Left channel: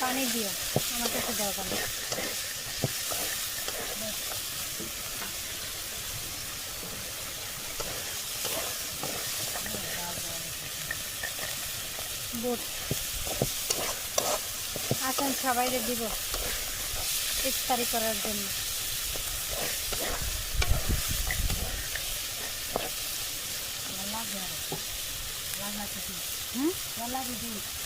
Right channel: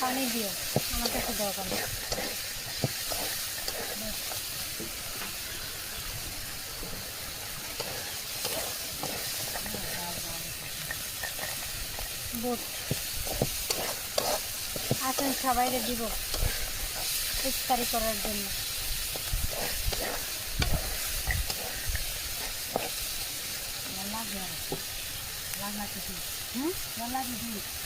পানি দিও আমার কাছে দরকার বুট। আসেন সবাইকে দিব ইফতারি করার জন্য। হুম? কি কত লাগবে?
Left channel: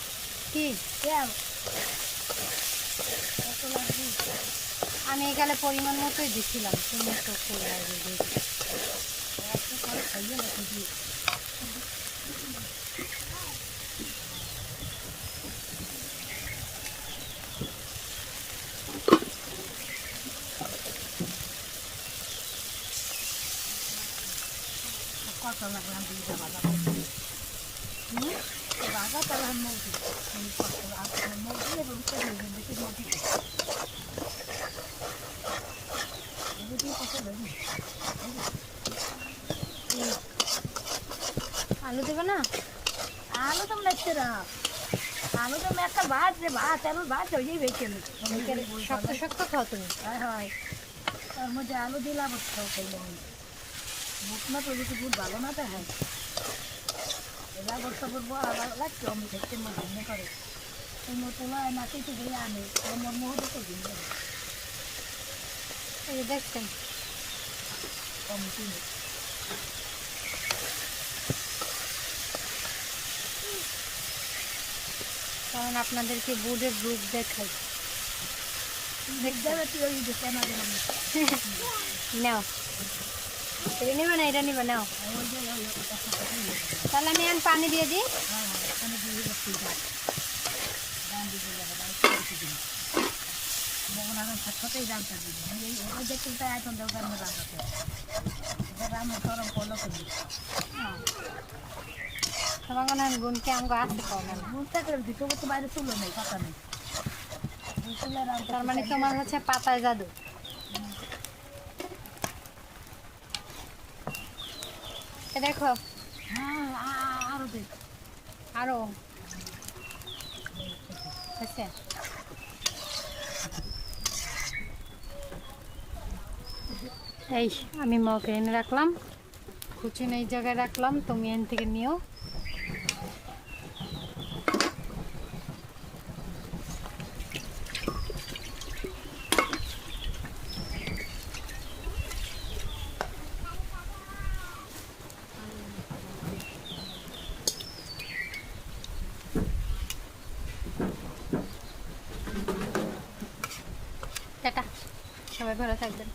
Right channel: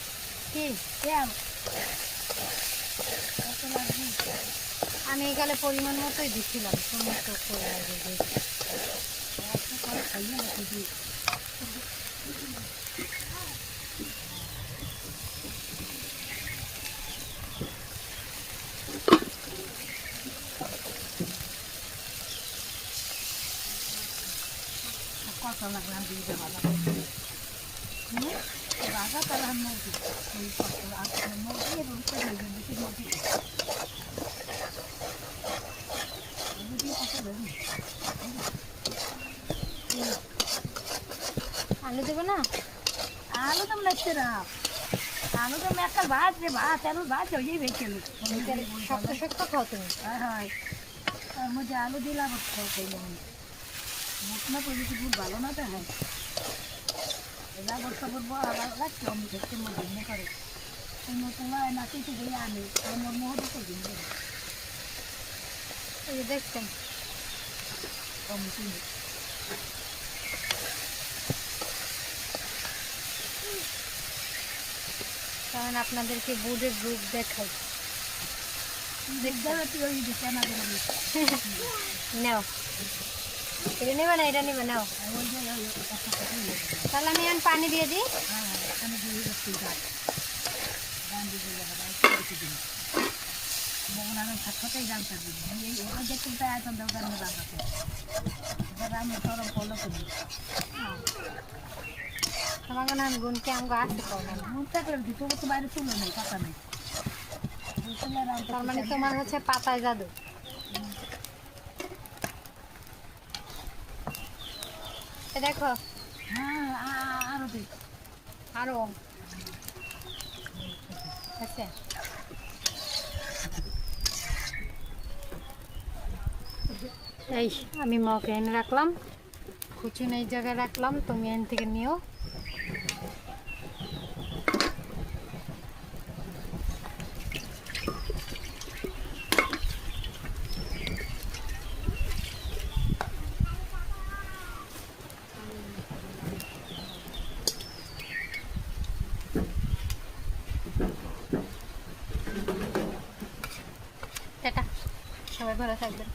আমি এখানে পরিমাণ মতোই দিছিলাম তুমি তো করে আসবে দেখি। কত লাগবে আমি দিয়ে দেবো হুম? আলু দেবে না? আলু তো লাগছে না আলু তো একটা ভাত যে ভাত আলু ভাত হয়েই বেঁচে শক্ত শক্ত খাও তুমি। হয় হয়। তার মধ্যে আলু দিলাম খাও করলাম বুট না বুট ভালো না তো হ্যাঁ। এলা বর্ষা বুট লাগছে আমি দেখতে করে এই মতো না কিন্তু বলে আনে আমার মহতে তো দিন এই দেখছেন কম কিনে কারণ আপনাদেরকে বুধের রূপ দেখাই নাও এটা নেবে না এটা নেবে নাও তাহলে আমি এখন পানি দিয়ে দিই। করে করে করি গুনতে আমাকে আসতে পারবে না মন থাকলে ভিতরে তো বাইরে তুলো নেই কথা নেই তার মানে তোমার হচ্ছে পাতায় জাদু। দেখো হ্যাঁ আরও দেখ আরও। আচ্ছা। এই, আমি মগে এনে রাখলাম। কুচিন এই জায়গায় রাখলাম, তুমি এন থেকে নিও। সবাই ভালো থাকবেন।